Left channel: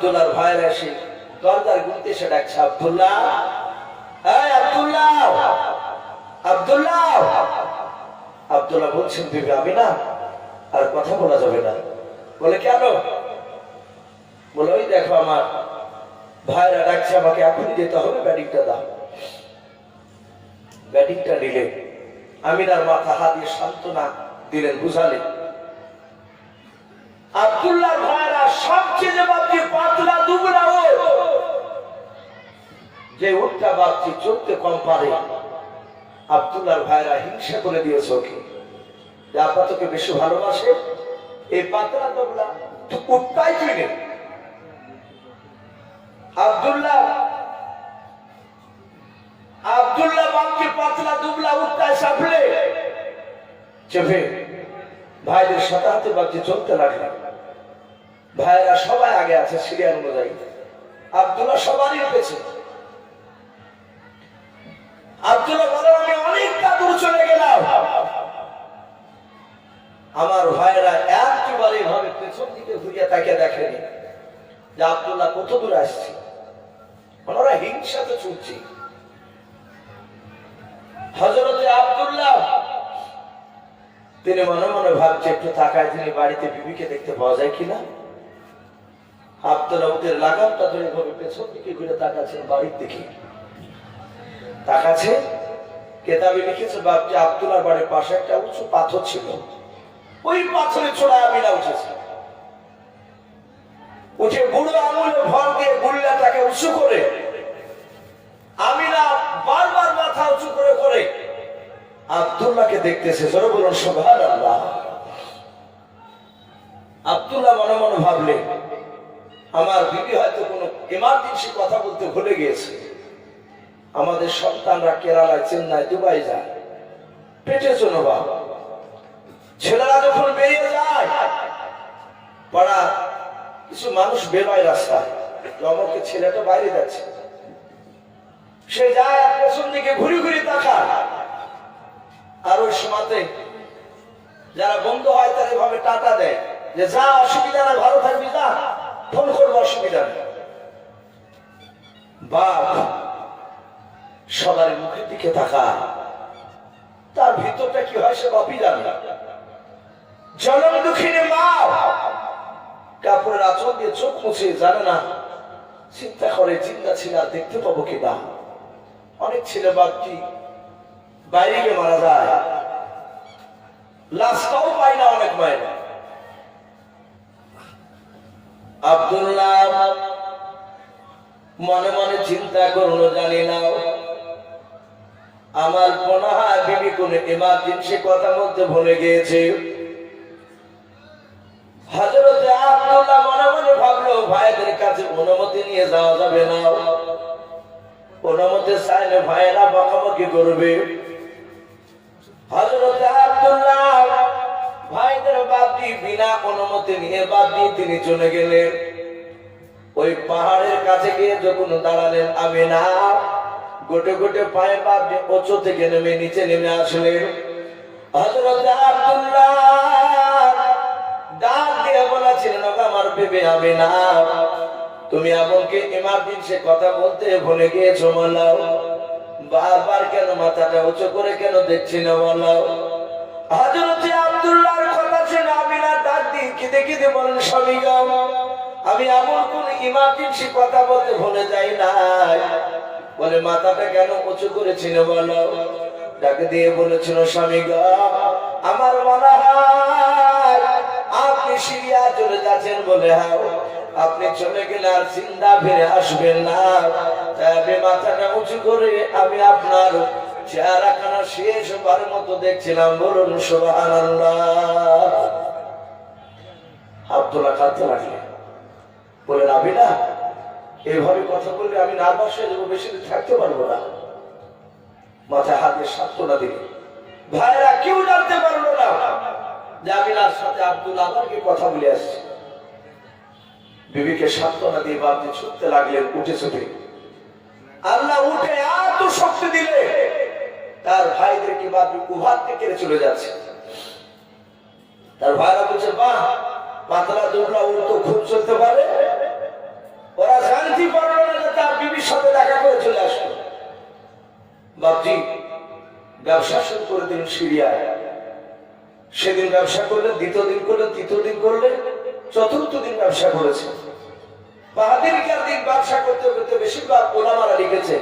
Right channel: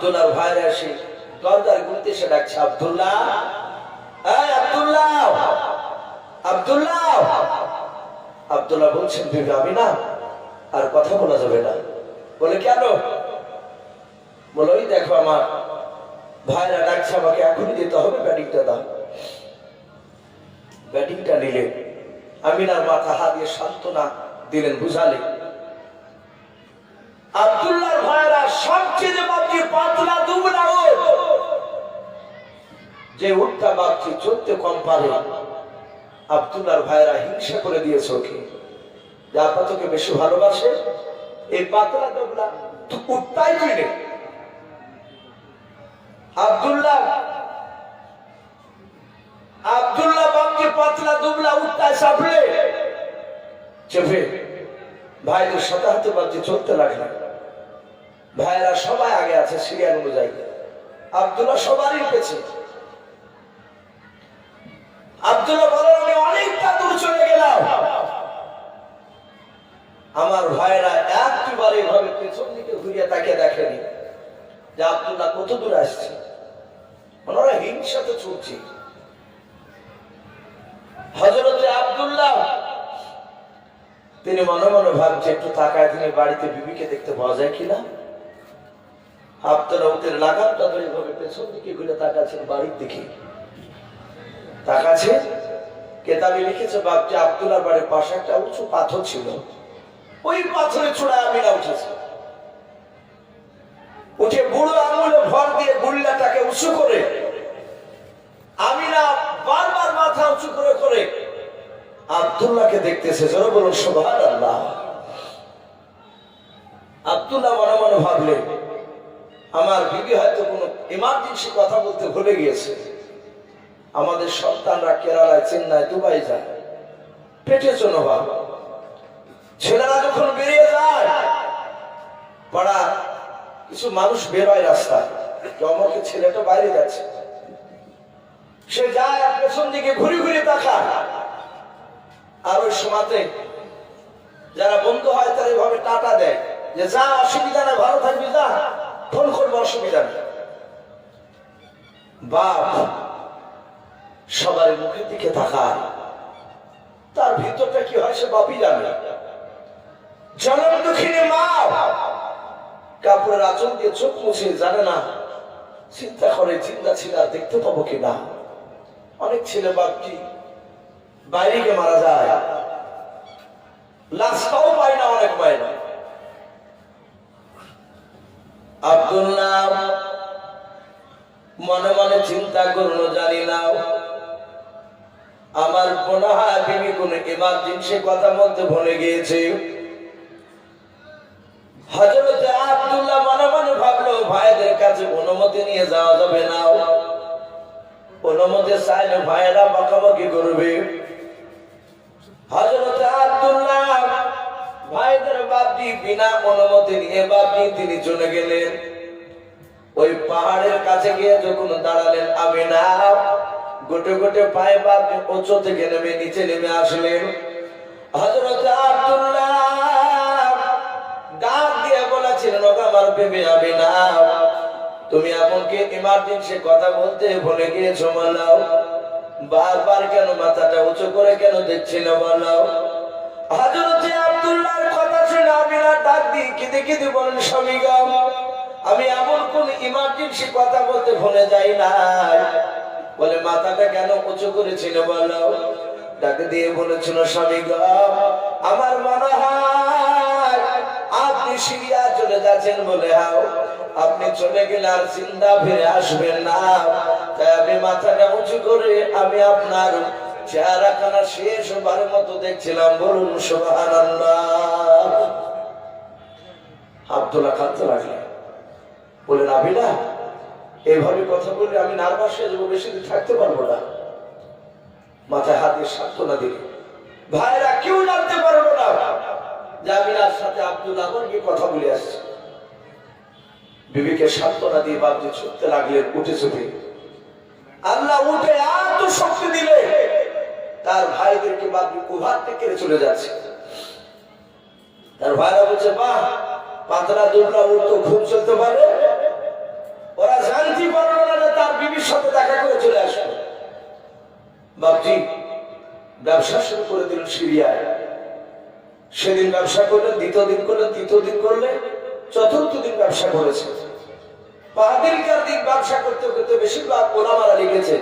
আব্দুল্লাহর ভাইয়ের আসে। দরজার গুনতে সে ডাকছে, আব্দুল্লাহ! আব্দুল্লাহ! আব্দুল্লাহ! আব্দুল্লাহ বলছেন, বিবি, আমি না আর কথা বলা যাবে না। বলে কেন বলে, ওই দেখো আমার ভাইরা ডাকছে, আমাকে এখনই যেতে হবে ব্যাটিংটা দাও। ব্যাটিংটা নিলে আমিনার মাথা হাত দিয়ে সান্ত্বনা দিলেন বুঝালেন আব্দুল্লাহ ভাইরা সবচেয়ে বাপজি পাতলা ওট যে উঠটা চলতে কম পারে ভাইরা হিংসা করে দিয়েছে ওকে। যে বেশি ভালোবাসে? এই পাতলা উঠটাই বাপজি পাতলা দুবলা উঠটায় সাফলে চেপে ভাইদের সাথে হাতে বাপজি চলতে লাগলেন ভাইরা সবাই আগে আছে, সিরিয়াল অনুযায়ী। আব্দুল্লাহ সবারই পেছে আব্দুল্লাহ বলেন, আমি অনেকটা দূর চলে গেলাম। আমার ভাইরা একবার এভাবে পেছন দিকে ঘুরিয়ে তাকে দেখেনি যে আব্দুল্লাহ কত দূর আসছে। ওনারা হিংসাতে ছুটছে। হজরতে আব্দুল্লাহ, তিনি মনে মনে ভাবছে, একটু তাকায়, তিনি বাড়িতে বিবিকে দেখতে পাওয়া যায় কিনা? আব্দুল্লাহ লাগামটা ধরে এভাবে পেছন দিকে ঘুরে তাকাচ্ছেন বাড়ির দিকে। তাকাচ্ছে, কেতাবে লিখেছে বাপটি বাড়ির পাশে একটা উঁচু পাথর ছিল। ওই আমিনা উঠেছে। উঠে বুড়ো আঙুলে ভর দিয়ে উঁচু করে, আমিনা বারবার মাথা উঁচু করে করে আব্দুল্লাহকে দেখতেছে, জোরে বলুন সোভান আল্লাহ আব্দুল্লাহ মনে মনে ভাবলেন আমার বিবি হয়তো কোনো ইমার্জেন্সি কথা বলতে ভুলে গিয়েছে। আমাদের সন্তানরা কেরালায়, চেন্নাই, দুবাই যায়। পেটে জন্য বাবা। ছেলেরা যখন বেরিয়ে যায় কিছু মানুষ বেরোয় রাস্তায়। যে ছেলেটা বাইরে যাচ্ছে। সে যায় আর পেছন দিকে ঘুরি ঘুরি তাকায়। আর ওই সময়তে যারা বন্ধু হয় তারা এভাবে টাটা দেয় যে, যা, অসুবিধা না ভালো থাকবি, যা। ফোন করব, অসুবিধা বাপ সবার মুখের দিকে তাকায়। তার ভিতরটা কি হয় সে বাপই জানে। জনম দুঃখিনী মা। কাপড়ের আচল দিয়ে চোখ মুছে জানে না। চিন্তা করে চিন্তা ছিল আর দেখতে পাবো কিনা অনেক ছেলে বাপটি বাইরে গিয়ে মারা যায়। লাশটাও পায় না অনেক পায় আব্দুল্লাহ, মনে মনে চিন্তা করল, জানি না। আমার হয় বিবি কোন? এমার্জেন্সি কথা মধ্যে ভুলে গিয়েছে হজরত আব্দুল্লাহ মনে মনে ভাবলো, ভাইদের কাছে অনুমতি নিয়ে যাওয়া যাবে না। অনুমতি চাইলে ভাইয়েরা বকাবকি করবে। হজরত আব্দুল্লাহ ভাইদের বাপি বিনা অনুমতি নিয়ে বাপি, তিনি চলে গেলেন। ওই পাহাড়ের কাছে গিয়ে যখন দাঁড়ালেন আমি না গোটে গোটে পায়ে বাপি উঁচু থেকে নেমে, নিচে নেমে আসলেন। হজরত আব্দুল্লাহ ডাক দিয়ে বলেছিলেন ওকে আমার ভেবে আমি না তুমি এমনকি ইমার্জেন্সি কথা বলতে ভুলে গিয়েছো বলাও বারবার কেন মাথাটা উঁচু করে কেন দেখছি না বলাও হজরত আব্দুল্লাহর কথা শুনে আমি না ডাক দিই কেঁদে কেঁদে বলেন, স্বামী আমি এমন কোন ইমার্জেন্সি কথা বলতে ভুলে যাই নাই। বলে, মাথাটা কেন উঁচু করেছিল বলো? ডাকে দিয়ে বলেছিল, স্বামী আমার মনে হয় আপনি সিরিয়া চলে যাচ্ছেন বলে, হাও, আপনি চলে গেলে আর চিন্তা ফিরে আসবেন না। তাই আমি মাথাটা উঁচু করে আমি আপনার চেহারা খানা শেষ বার মতো দেখছিলাম, বলুন সোহান আব্দুল্লাহ খাতে লাগলেন বলে নাবি না এইভাবে কথা বললে আমি নার্ভাস হয়ে যাব, বেশি দিন থাকতে পারব না। মাথায় হাত দিয়ে সান্ত্বনা দিল। ভাইরা কেউ জানতে পারব না জামিনার সাথে আব্দুল আমাকে কথা বলে আসছে। বিবিকে সান্ত্বনা দিয়ে বাপজি ছুটতে লাগলেন উঠে ছুটে। আল্লাহ উঠে এত শক্তি দিলে তার ভাইদেরকে বা কুভার থেকে চলে যাচ্ছে? তার ভাইরা বলছে, মা, পাতলা দুর্গা মূর্ত খুব চলতে পারে। ওরা জানতে পারবে না তার বিবির সাথে দেখা করে চলে আসবে। বাপজি ব্যবসা শুরু করে দিল সিরিয়ায়। সেদিন ব্যবসা করলেন দ্বিতীয় দিন করলেন তৃতীয় দিন করলেন চতুর্থ দিন ব্যবসা করেছে। বাহাদিরকার দিন ব্যবসা করতে করতে বেশিরভাগ ওলামারা লিখেছে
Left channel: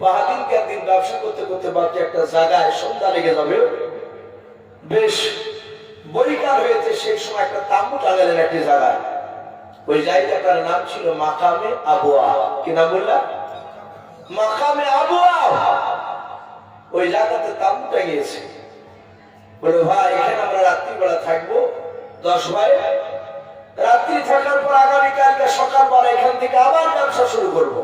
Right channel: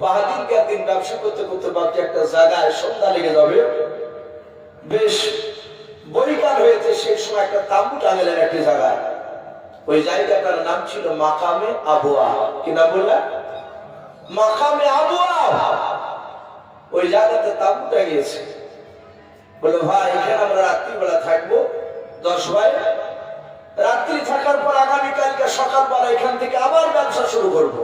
বাহাদিনকার দিন ব্যবসা করতে করতে বাকি একটা জায়গায় সন্ধ্যা লেগে যাবে। বেশ বৈকাল হয়েছে সেই সময় একটা তাম্বু টাঙালেন একটি জায়গায়। ওই জায়গাটার নাম ছিল মাকামে আবুয়া। কি নাম বললাম? মাকামে আবুয়া। ওই জায়গাতে তাম্বু টাঙিয়েছে। বলে, ভাই, এখানে আমরা রাত্রিবেলা থাকব। দশ ভাই, রাত্রি থাকার পর আগামীকালকে সকালবেলা এখান থেকে আবার ব্যবসা শুরু করব।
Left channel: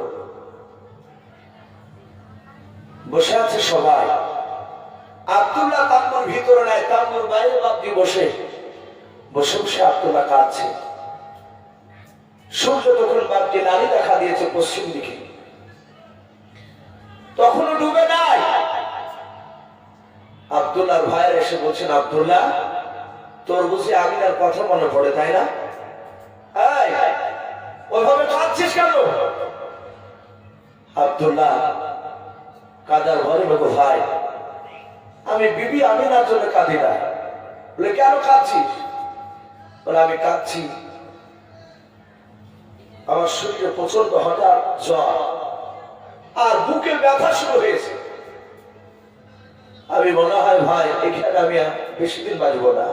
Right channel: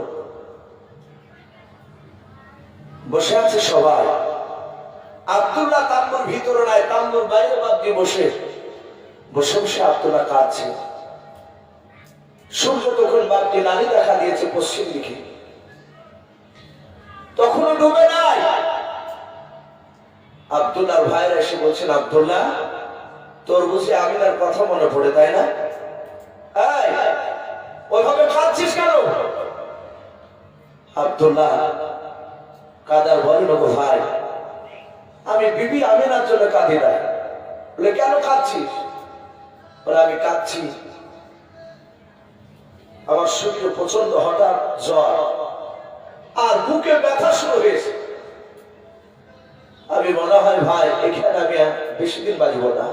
বসে আছে সবাই। আব্দুল্লাহ তাম্বুর ভিতরে নাই তাম্বুর বাইরে বাপজি বসে। বসে বসে আব্দুল্লাহ কাঁদছে। সূর্য তখন বাপজি নারী দেখা দিয়েছে পশ্চিম দিকে। তখনও ডুবে নাই। আব্দুল্লাহর ভাইয়ের এসে বলছেন, আব্দুল্লাহ, তোর বুঝি আমিনার কথা মনে পড়ে, তাই না? ওইভাবে কাঁদছিস কেন? আব্দুল্লাহ কাদার বলেন ওগো ভাই আমি বিবি আমিনার জন্য কাঁদি না বলে কেন কাঁদছিস? বলে আমি কাঁদছি। আমার শরীরে প্রচণ্ড হঠাৎ জ্বর আর বুকে ব্যথা শুরু হয়েছে। আমি মনে হয় ভাই এখানে আমি বেশি দিন বাঁচবো না।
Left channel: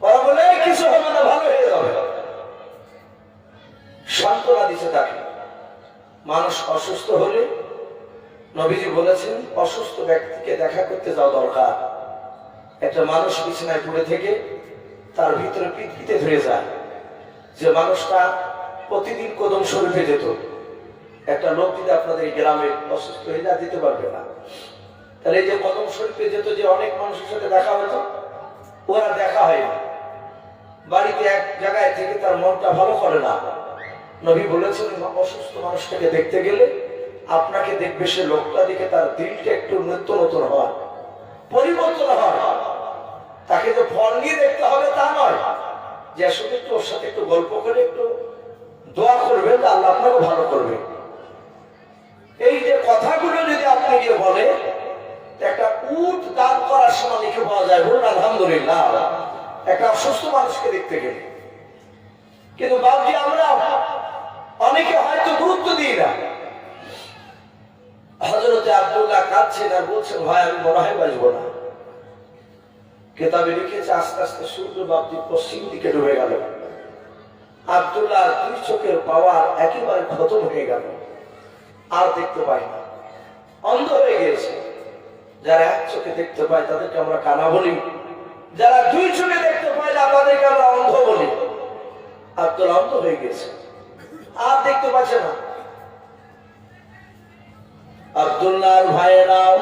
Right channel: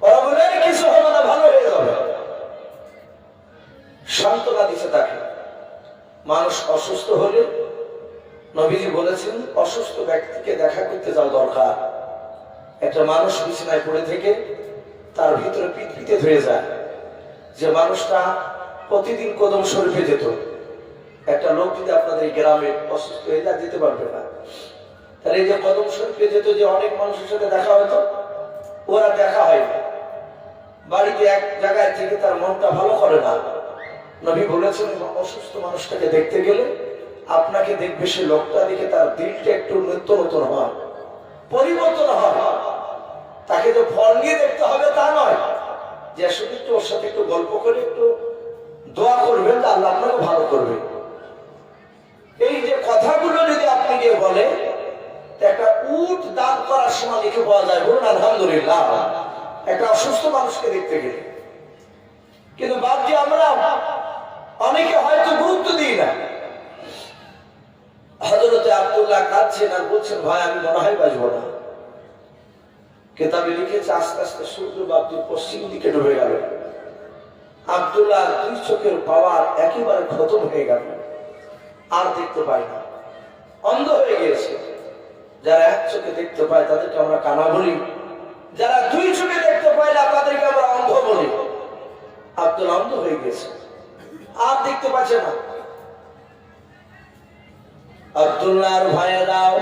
ওরা বলে "এই, কিছু হবে না ভালো হয়ে যাবে। সান্ত্বনা দিছে তাকে। মানুষ অসুস্থ হলে নবীজি বলেছেন, অসুস্থ ব্যক্তিকে দেখা করতে যাওয়া দরকার। একটা মানুষ বিছানায় পড়ে থেকে তার ভিতরে পিটপিটে ধরে যায়। যে মানুষটা প্রতিদিন কদম শরীফে যেত। একটা লোক যদি আপনাদের এই গ্রামে অসুস্থ হয়ে যায়, যেতে পারবে না। তাহলে এই যে কদম শরীফে যেত যে অনেক মানুষের সাথে দেখা হতো, ওরা দেখা হয় না। বাড়িতে এক জায়গায় থেকে তার মনটা ভালো করে না। নবী বলেছেন অসুস্থ মানুষটাকে দেখতে গেলে আপনাকে দেখবে সে লোকটা দেখে তার দিলটা একটু নিত্য নতুন হয়, পরিবর্তন হয়। তাকে তো ফল নিয়ে দেখতে হবে তা নয়। যে আসলে একটু ওর সাথে একটু গল্প করে একটু দোয়া করবেন যে আল্লাহ আপনাকে ভালো করবে। এই যে কথাগুলো যদি আপনি গিয়ে বলে একটা উট দান করার সময় লিখে পাওয়া যায় বলুন আলহামদুলিল্লাহ। একটা অসুস্থ মানুষকে দেখতে গেলে। কিন্তু বাপজি আমরা অনেকে হয়তো গুরুত্ব দিই না। হজরতে আবদুল্লাহ কাঁদছেন আর বলছেন, ভাই, আমি মনে বাঁচবো না। কেতাবে লিখেছে, আস্তে আস্তে সূর্য বাপজি পশ্চিম দিকে ডুবে গেল। আব্দুল্লাহ দুই চোখের পাওয়ার একেবারে খতম হয়ে গেল। আর দেখতে পাই না। অন্ধ হয়ে গিয়েছে। যারা এক চোখে দেখতে পায়, তাদেরকে আমরা কানা বলি। যারা দুই চোখে দেখতে পায় না, তাদেরকে আমরা অন্ধ বলি। আব্দুল অন্ধ হয়ে গেছে আর দেখতে পাচ্ছে না। আব্দুল্লাহর ভাইয়েরাও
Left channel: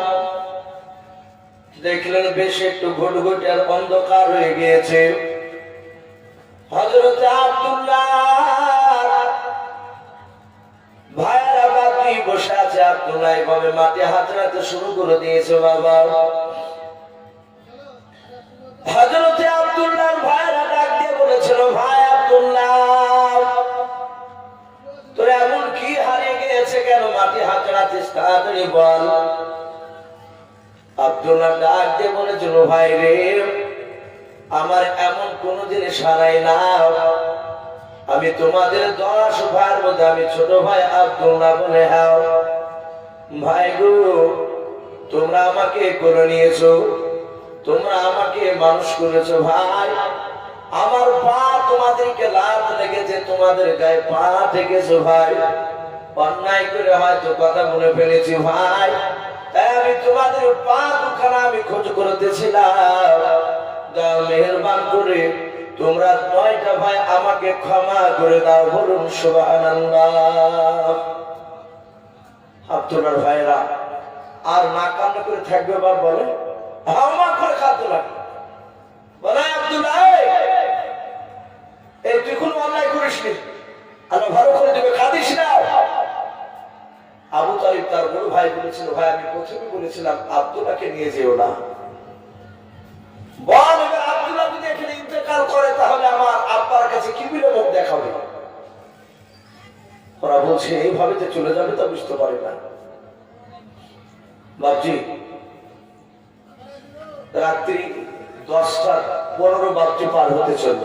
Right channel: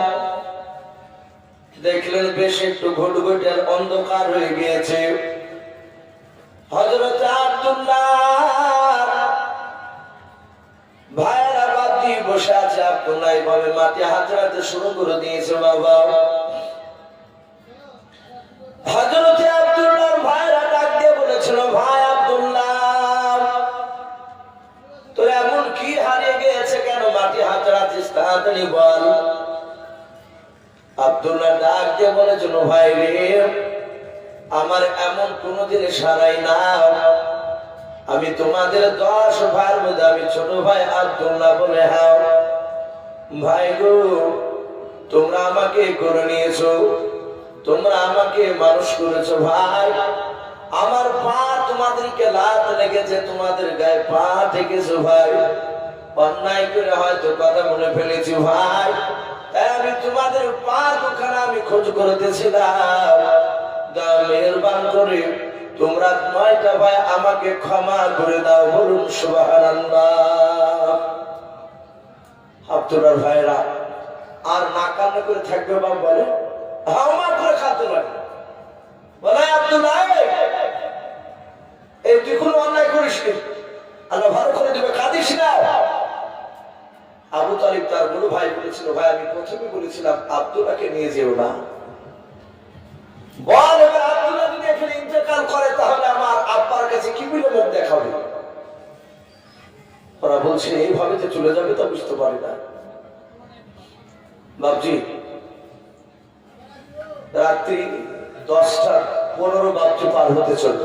দেখলেন বেশ একটু ঘুটঘুটের অন্ধকার হয়ে গিয়েছে। হজরত আব্দুল্লাহ বসে আছে। আব্দুল্লাহ এইভাবে মাটি হাতড়াতে শুরু করে দিয়েছে বাবা। হজরতে আব্দুল্লাহর বল। আব্দুল্লাহ ডাক দিয়ে বলেছিল ভাই রে, আমার এমন কোন জিনিস হারাই না আমি তোমাদের দশ ভাইয়ের মধ্যে, আমি ছোট ভাই আব্দুল্লাহ বলে হাও। ভাই গো, তোমরা আমাকে করে নিয়েছো, তোমরা আমাকে মানুষ করেছ ভাই। আমার পা তোমাদেরকে লাভ লেগেছে, তোমাদের গায়ে পা ঠেকেছো ভাই। অন্যায় করে হয়তো কথা মনে ফেলেছি ভাই। আমি তোমাদের পা দুখানা আমি খোঁজ করতেছিলাম। মেহরবান করে তোমরা নয়টা ভাই আমাকে ক্ষমা করে দাও বলুন আব্দুল্লাহর ভাইরা আর না কান্না করে থাকবে বা বলে? হাওমা করে খাতে লাগবে। বলে এই, তুই কোনো অন্যায় করিস নি আল্লাহ ভালো করে দেবে আবু তালিব তার বড় ভাই বলেছিল, ভাই, আমি প্রথমে বলেছিলাম আব্দুল্লাহকে নিয়ে যেও না। বল, এবার আব্দুল্লাহ যদি এখানে ইন্তেকাল করে, তাহলে আমার আব্বার কাছে কি বলে মুখ দেখাবে? ওরা বলছে এইভাবে যে চলে যাবে তা বুঝতে পারে না। বাবজি রাত্রি দশটা পনেরো বাপটি পার হতে চলল।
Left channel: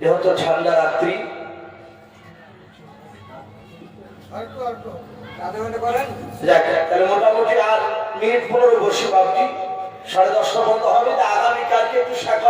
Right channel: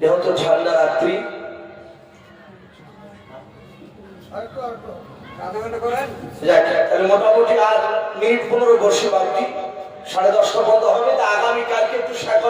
যেহেতু ঠান্ডা রাত্রি যাক, তাহলে মোটামুটি আর মিনিট পনেরো বসে বাপটি সাড়ে দশটা বন্ধ হবে তা আগামীকালকে একটু সকাল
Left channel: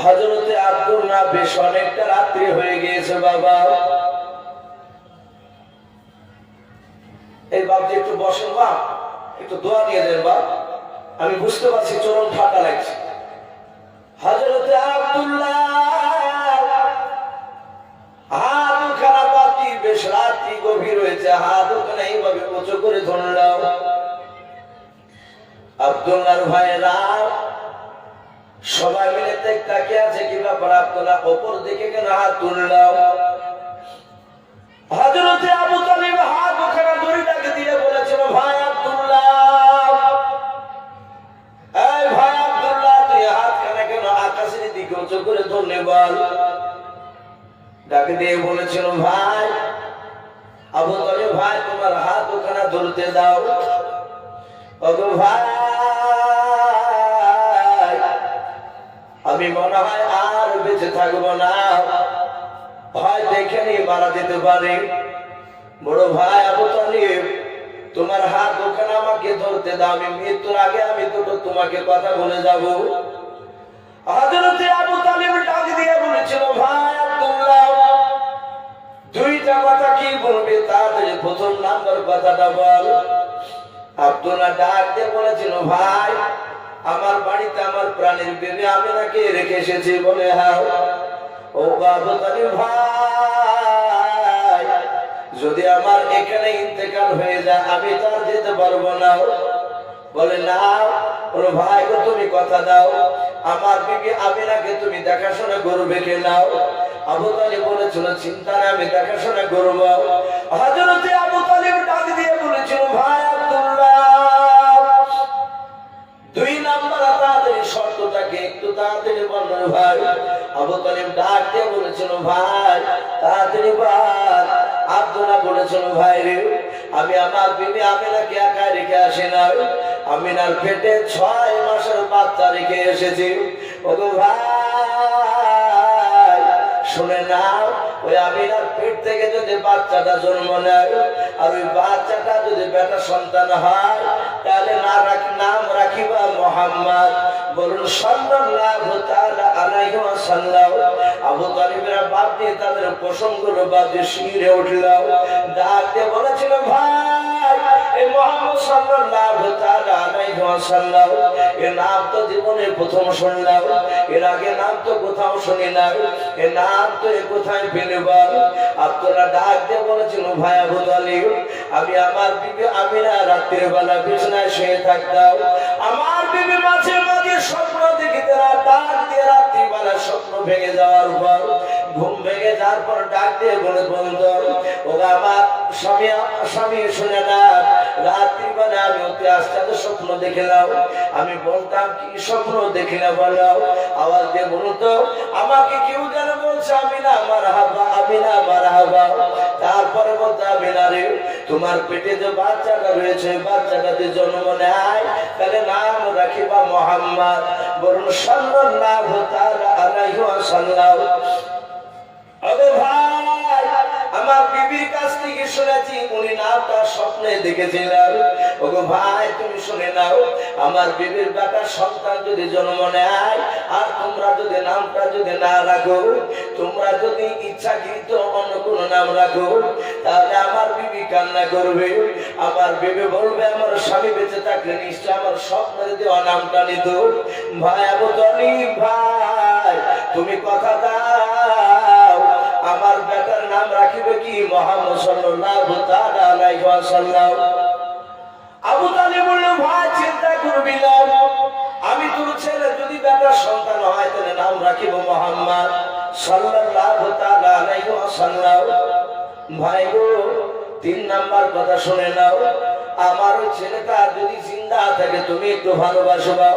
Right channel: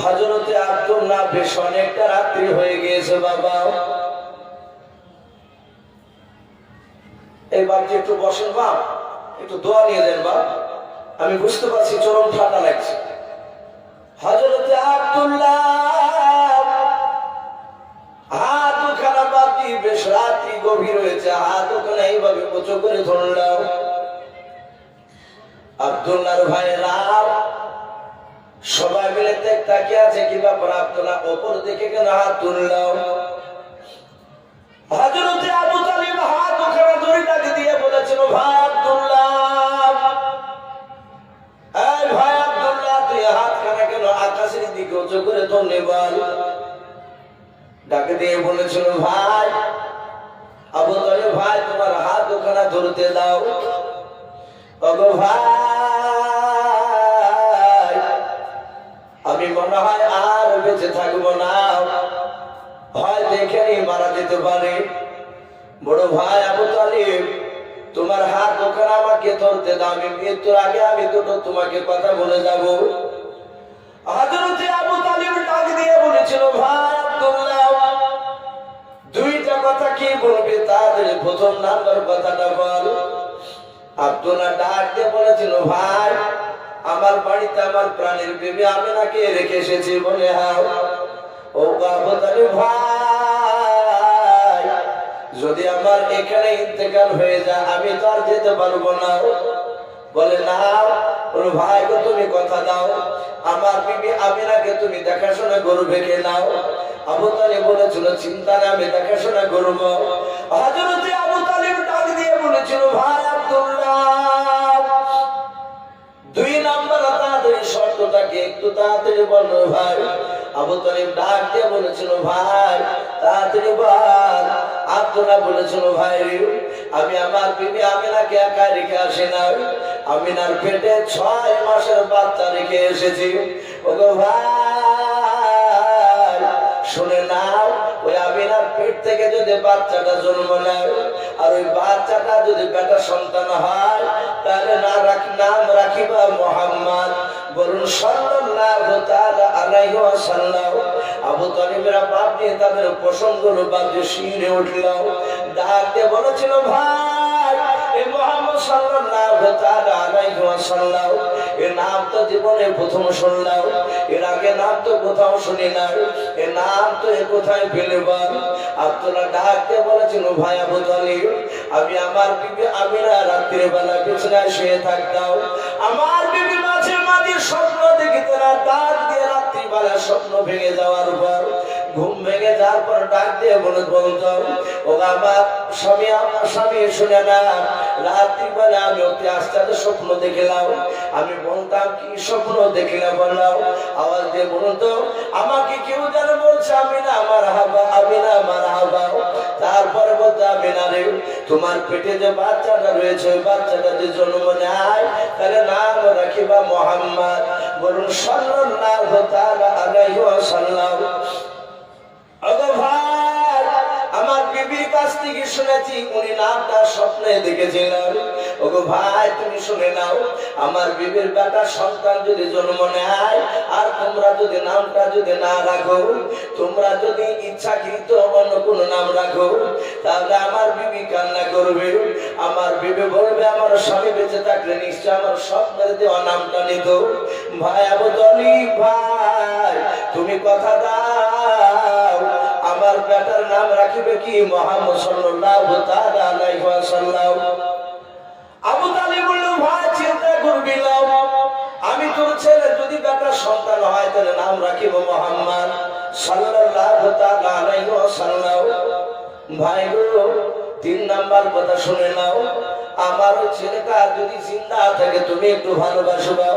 হজরতে আব্দুল্লাহ বেশ অনেকটা রাত্রি হয়ে গিয়েছে, বাবা। এই বাবজি একটু বসেন বা একটু দোয়া নিয়ে দেন বা আমি বুঝতে পারছি চরম ঠান্ডা লাগছে। হজরতে আব্দুল্লাহ হাত খারাপ বাপি বেশ রাত্রি গভীর হয়েছে হাত ওখানে এইভাবে উঁচু করে ধরলাম। আব্দুল্লাহর ভাইরা সবাই মিলে তাকে আছে, কি ব্যাপার আব্দুল্লাহ? ওপর দিকে কেন হাত তুললাম? হাজরতে আবু তালিব হাত ওখানে দড়িটাকে দিয়ে বলেছিল, ভাই আব্দুল্লাহ, এই ভাই আব্দুল্লাহ, তুই হাত খানে কেন আকাশের দিকে উঁচু করে বল? ডাকে দিয়ে বলেছিল, ভাই, আবু তালিব ভাই, তোমার হাত ওখানে ধরতে দাও। ভাই আমি মনে হয় আর বেঁচে থাকব না। হয়তো এখানেই মারা যেতে পারে। বড় ভাই আবু তালিব, তোমার হাত ওখানে আমাকে ধরতে দাও, আমি মৃত্যুর আগে আমি দুটো তোমাকে কথা বলে যাব। ডাক দিয়ে বলেছিল, ভাই আব্দুল্লাহ, দুইটা কথা কথাটা বল। ডাক দিয়ে বলেছিল, ভাই আমার বাড়িতে আমার প্রাণের বেবি আমি নাকি রেখে এসেছি বলে হ্যাঁ ও বাবা ভাই, যদি আমার এখানে ইন্তেকাল হয়ে যায়, আমি তো আর যেতে পারব না। বলে, না বলো ভাই গো, তুমি কথা দাও। আমার বিবি আমিনাকে তুমি দেখাশোনা করবে কে নাও আবু তালিব বলেছিল চিন্তা নেই আমি দেখাশোনা করব। হাজরতে আবু তালিব ডাক দিয়ে বলেছিল, ভাই আব্দুল্লাহ, দুই তাড়াতাড়ি বলেছিল, ভাই রে, আমি আমার বিবি আমিনাকে একা রেখে আসি না আমিনার পেটে ছয় মাসের বাচ্চা রেখে এসেছি। ওগো ভাই, শুনে না ওই আমিনার পেট থেকে যদি বাচ্চাটা জন্ম নেয়, আর ওই বাচ্চাটা যদি বেটা সন্তান হয় তাহলে না রাখি, নাম রাখিবা মোহাম্মদ। বলুন, সাল্লাল্লাহু তাআলা আলাইহি ওয়াসাল্লাম, আবু তালিবেরা বাপ দিয়ে তাদের প্রসঙ্গগুলো বাপ দিয়ে শিরে উঠল ডাক দিয়ে বলেছিল, ভাই এই মোহাম্মদ সাল্লাল্লাহু তাআলা আলাইহি ওয়াসাল্লাম এর নাম তো জীবনে প্রথম শুনলাম। এর আগে নাম তো কোথাও শুনি না এর নাম এ কোথায় পেলে বল? আব্দুল্লাহ ডাক দিয়ে বলেছিল, ভাই আবু তালিব, আমি আমার বিবি আমিরা রাত্রির বেলা বিছনায় শুয়ে থাকতাম। আমার বিবি মাঝে মাঝে স্বপ্ন দেখি তারা ডাক দিয়ে রাত্রিবেলা স্বপ্ন ভেঙে যাওয়ার পর ঘুম ভেঙে যাওয়ার পর ডাক দিয়ে বলে বলতো ও আমার স্বামী আমার স্বামী, শুনে না। রাত্রিবেলা আমি অতি আস্তে স্বপ্ন দেখলাম। আমি বলতাম, কি স্বপ্ন দেখলে বললাম আওয়াজ দিয়ে বলুন তো, আমাকে কেউ যেন বলছে, আমি না, আমার হাবা, আমি না, আমার হাবা। তারপরে বলতে, আমি না রে, তোমার পেটে যে বাচ্চাটা রয়েছে বাচ্চাটা যদি জন্ম নেয়, তাহলে নাম রাখিবা মোহাম্মদ। বলুন, সাল্লাল্লাহু তাআলা আলাইহি ওয়াসাল্লাম। ভাই, আমার বিবির কাছ থেকে শুনেছি উনি ওগো ভাই, তুমি আমার যদি জন্ম নেয়, আর তোমরা যদি নামটা যদি না রাখো, তোমরা যদি ইচ্ছাকৃত অন্য কোন নাম রাখো, তাহলে আমার বিবি কান্না করবে। আমার বিবি বলবে, আমার স্বামী বেঁচে থাকলে নিশ্চয় আমার স্বপ্নের দেওয়া নামটা নিত। ভাই, আবু ভাই, তুমি কথা দাও। আমার বেটার নাম রাখিবে কি? মোহাম্মদ সাল্লাল্লাহু তাআলা আলাইহি ওয়াসাল্লাম। আবু তালিব বলল, ভাই, চিন্তা করবি না। আমি তোর ছেলে, যদি বেটার সন্তান হয়, তাহলে নাম রাখিব মোহাম্মদ সাল্লাল্লাহু তাআলা আলাইহি ওয়াসাল্লাম। ভাই গো, তিন নাম্বার কথা শুনে নাও। আমার ছেলেটা যদি জিন্দা থাকে, তুমি একটু ভালোবাসবাও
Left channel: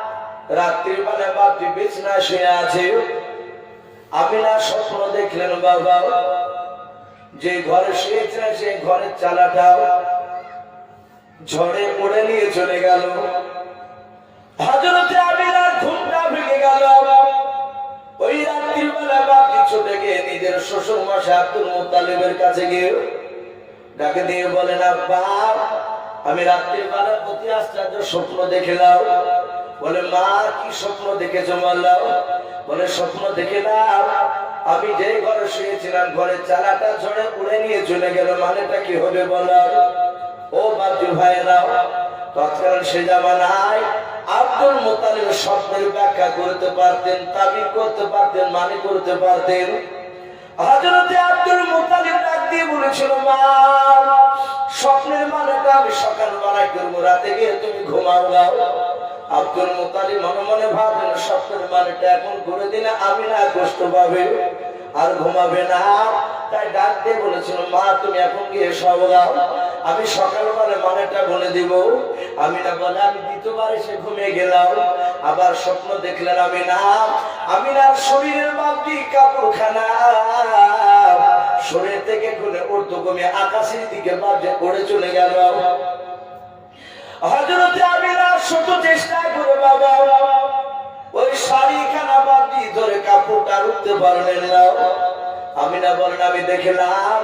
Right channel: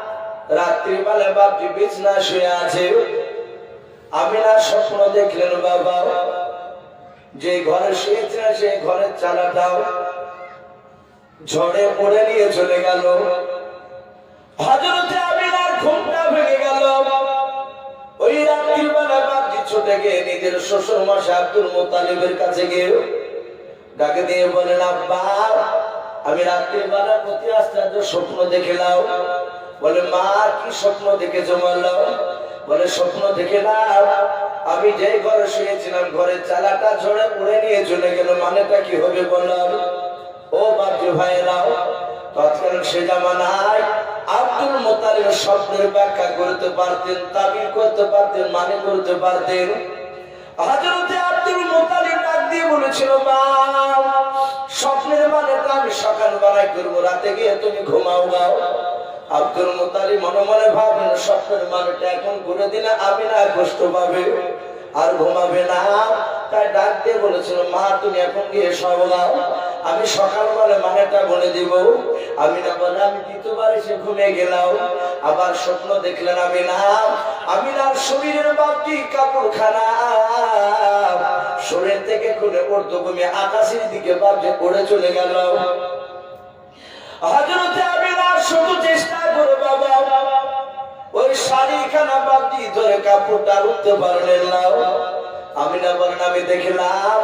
রাত্রিবেলা বাপজি বিছনা শুয়ে আছে। আমিনা স্বপ্ন দেখলেন বাবা। যে ঘরে শুয়েছে সেই ঘরের চালাটাও ঝড়ে পড়ে নিয়ে চলে গেল। হজরতে আমিনার ঘুমটা ভেঙে গেল। ওই রাত্রির বেলা বাপজি ছুটে গিয়ে নিজের শ্বশুর মাসে আব্দুল মোত্তালিবের কাছে গিয়ে ডাকে দিয়ে বলেন, আব্বা, আমি রাত্রির বেলা প্রতি আশ্চর্য স্বপ্ন দেখলাম। বলে, মা, কি স্বপ্ন দেখেছ বললাম বলে, স্বপ্ন দেখে না আমি যেই ঘরে শুয়েছিলাম, ঘরের চালাটা ঝড়ে উড়ে নিয়ে চলে গেল। মানেটা কি হবে বললাম ও বাপজি ভাইয়েরাও তৎকাল সে জামানায় আব্দুল মোতালিব স্বপ্নের ব্যাখ্যা করতে পারতেন, তাবির করতে পারতেন মানে করতে পারতেন। হযরতে আব্দুল মুত্তালিব ডাক দিয়ে বলেছিল, মা, স্বপ্নের মানেটা আমি সকাল বেলায় করব, রাতে গিয়ে তুমি ঘুমাও, গাও। আব্দুল মুত্তালিব মনে মনে ভাবলেন স্বপ্নের মানেটা এখন ঘুরে দিলে আমি না কষ্ট পাবে, আর ঘুমাবে না। তাই ডাকতে বলেছিল, মা, তুমি এখন গিয়ে সব গাও আমি সকালবেলা মানেটা বলে দিব। আমি না বলে, আমি দ্বিতীয়বার এসে ঘুমিয়ে গেলাম, আবার স্বপ্ন দেখলেন আমি না। আমি না শরীরের বাপটি কাপড়খানা শরীর থেকে খুলে উর্দু ঘুমিয়ে আকাশের দিকে বাপ যে পড়ে চলে গেল। হজরতে আমি না শুধু চেষ্টা করে বাবা, ওই শাড়িখানা বাপজি ধরে কাপড়টা উঠতে পারলেন না। আমি না বলেন আমি দেখলাম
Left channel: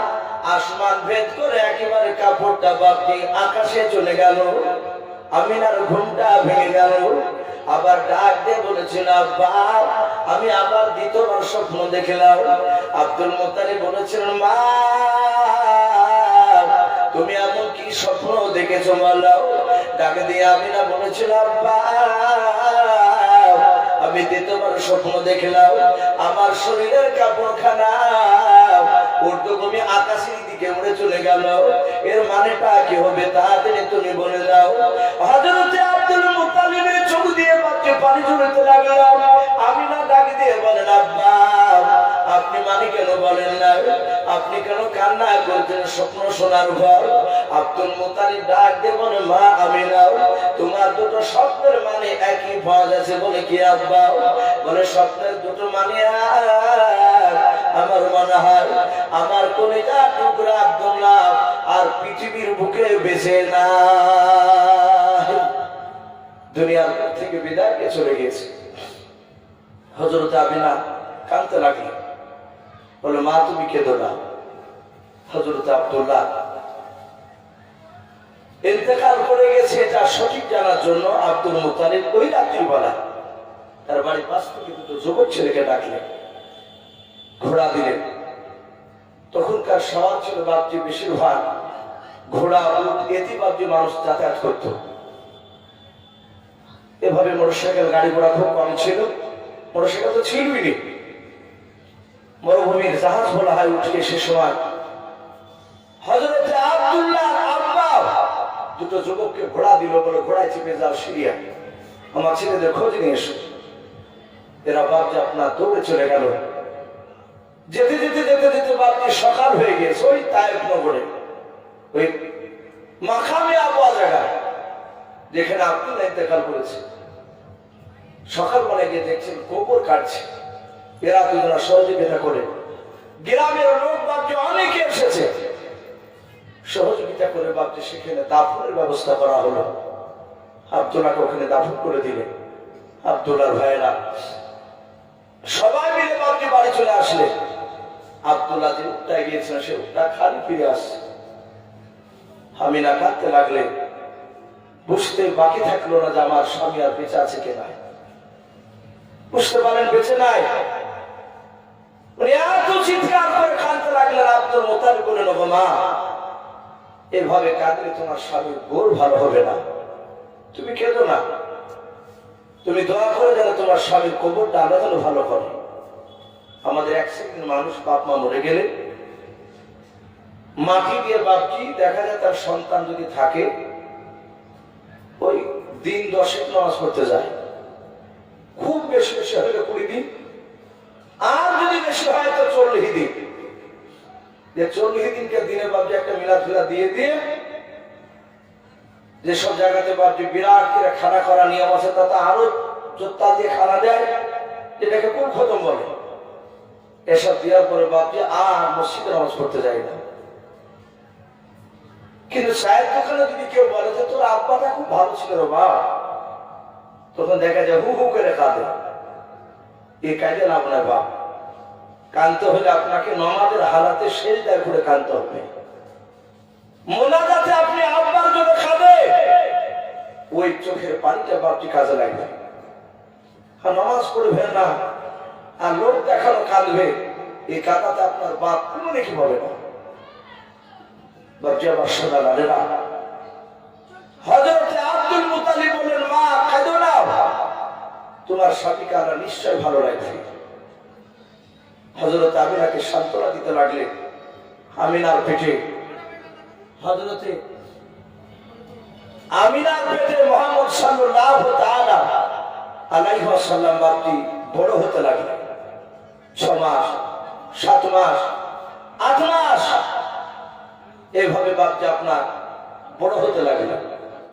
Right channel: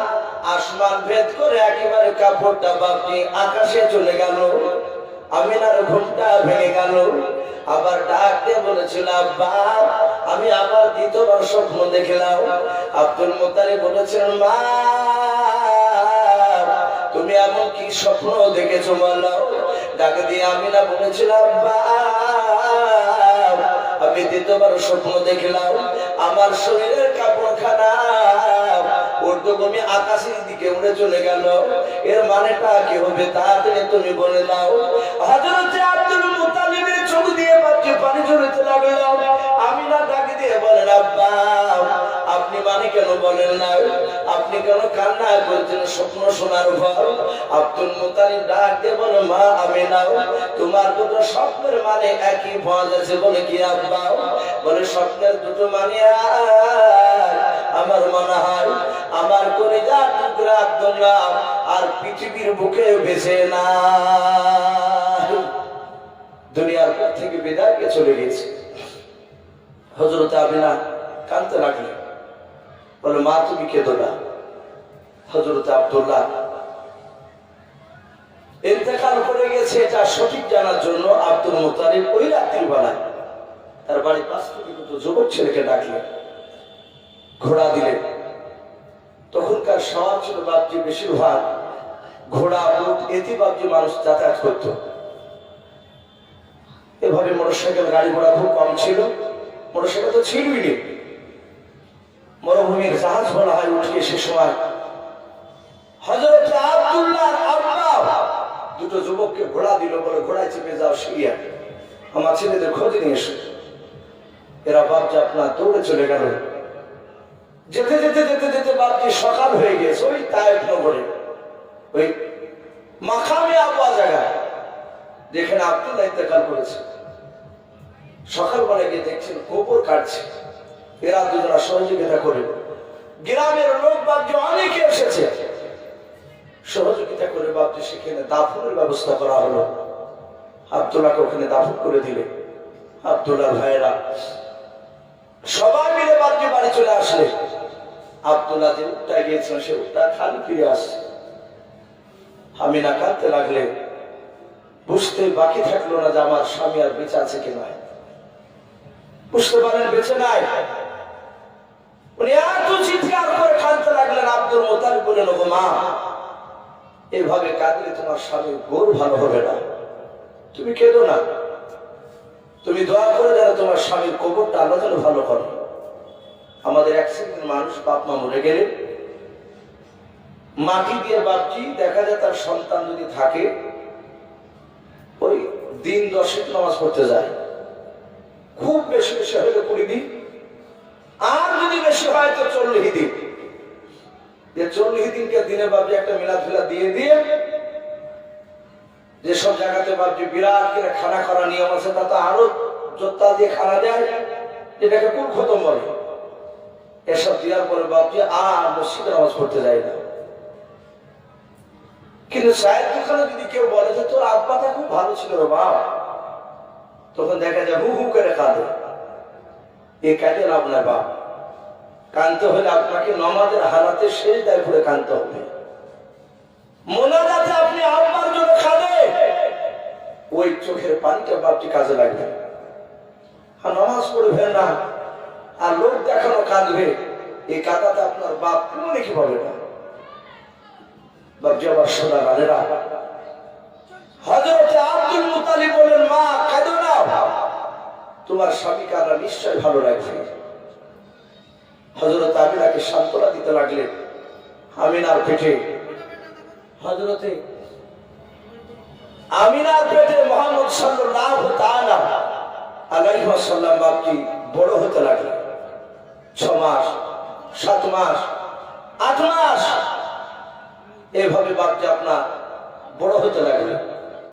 আসমান ভেদ করে একেবারে কাপড়টা বাপজি আকাশে চলে গেল। আমিনার ঘুমটা ভেঙে গেল। আবার ডাক দিয়ে বলেছিল, আব্বা, আমি আবার দ্বিতীয়বার স্বপ্ন দেখলাম। আব্দুল মোতালে বলেছিলেন, মা, তুমি এমন কি স্বপ্ন দেখেছ বলো? ডাকে দিয়ে আমি না বলেছিলাম আমি দ্বিতীয়বার স্বপ্ন দেখলাম, আমার শরীরের কাপড়খানা ঊর্ধ্বভূমি আকাশের দিকে চলে এর মানেটা হবে তুমি বলে দিয়ে আমি না দিয়ে বলেন আব্বা আপনি মানে কেন বলেন না আপনি কেন কান্না করছেন? স্বপ্ন শোনার পর আব্দুল মুতালিব ডাক দিয়ে বলে, মা আমি নাও তোমার দুটো স্বপ্নের মানে একই পাওয়া যাচ্ছে বলে কি আব্বা? বলে, স্বপ্নের দুটো মানে আমার মনে হয় আমার টুকরা আব্দুল্লাহ আর পৃথিবীর বুকে বেঁচে না। দুনিয়ার থেকে বিদায় চলে গিয়েছে। হজরত আবিনা কানতে লাগলেন। বলে, মা, তুমি কেঁদো না। হজরত আব্দুল্লাহ ইন্তেকাল করে গেছে, এটা সঠিক জানার জন্য আব্দুল মুতালিব ওই রাত্রির বেলা তার বাড়ি পাশ থেকে দুটো যুবক ছেলেকে ডাকলেন, ঘোড়া দিলেন। তখনকার সমাজ ছিল বাপজি বেশিরভাগ ঘোড়া, উট এতে বাপজি মানুষ যাতায়াত করত। এভাবে মোটরসাইকেল, গাড়ি ঘোড়া খুব কম ছিল। মোটরসাইকেল তো ছিলই নি। মরুভূমির জাহাজ বলা হয় উঠে সে সময়। হজরত দুটো যুবককে ঘোড়া দিল বলে ঘোড়ায় চেপে যাও সিরিয়া। আমার ছেলেদের খোঁজ নিয়ে এসো। এরা বাপজি আপনার দৌড়ে চলে গেল। যেতে যেতে যেতে যেতে বাপজি সকাল হয়ে গেছে ওই তায়েব নগরে। ওই মাখামে আবহাওয়া জায়গায় যেখানে আপনি ইন্তেকাল করেছে। সকালবেলা গিয়ে দেখছেন গোবর কাটছে। এরা দুজনা সহযোগিতা করে। গ্রামের লোক বাপজি অনেকে এসেছে। সহযোগিতা করে বাপজি সেখানে দাফনের ব্যবস্থা করা হলো। আবদুল্লাহকে ওখানে দাফন করে দিলে। আবদুল্লাহ ভাইরা সবাই মিলে বাপজি বাড়ি চলে আসলে। আবদুল্লাহ যে উঠটা গিয়েছিলেন সে উঠটা খালি ফিরে আসছে। আমি না কাঁদতে লাগলে, বুঝতে বাকি থাকল না যে আমার স্বামী আর বেঁচে আছে কে নাই। বুঝতে পারেন বেঁচে নাই? উনি এত চিৎকার করে কাঁদতে লাগলেন আব্দুল মোতাল বলে নেব মা এভাবে কাঁদলে তোমার স্বামী গোর ভালো হবে না। তুমি কেঁদো না। তুমি দয়া করে যারা তোমার স্বামীর কবরটা আল্লাহ যেন ভালো করে। আমাদের এক সেকেন্ড মানুষ বাপ মা মরে গেলে মাটি দিয়ে বাপজি, দেখা যায় তার সন্তান যদি থাকে, ওই দিন দশেক নামাজ পড়তে যায়। খুব বেশি বেশি হলে কুড়ি দিন। আর যদি বেশি হয় তো চল্লিশ দিন। যে চল্লিশ দিনকে দিনে একটা দিয়ে দিয়ে যেসব জায়গাতে খানা নিয়ম আছে আরও দিয়ে খানা এসব দেওয়ার পরে আর না। কিন্তু যদি কেউ বলে যে তোর আব্বাটা খুব ভালো ছিল রে বাপ, তখন দেখা যায় হু হু করে কাঁদে। এই কাজে লাভ নাই বাপ। কানতে হলে আপনাকে নমাজের হালাতে শেষ দায় করে কানতে হবে। মোনাজাতে আপনি আব্বার জন্য খাবে ওই চোখের পানিটা বাপটি কাজে লাগবে। আর নামাজ পড়বেন না। আর লোক দেখানো কাঁদবে। এই কাদাতে আপনার বাপ কোনো নাকি পাবে না। তোমার স্বামীকে আল্লাহ নিশ্চয় ভালো লাগবে। হজরত আমিনাকে সান্ত্বনা দিতে লাগলেন আমিনার পেটে। হজরতে আমিনার পেটে মোহাম্মদ সাল্লাল্লাহু তাআলা আলাইহি ওয়াসাল্লাম বাপটি বড় হতে লাগলেন। ছ মাস সাত মাস আট মাস এভাবে বাপটি আপনার বড় হতে লাগলেন।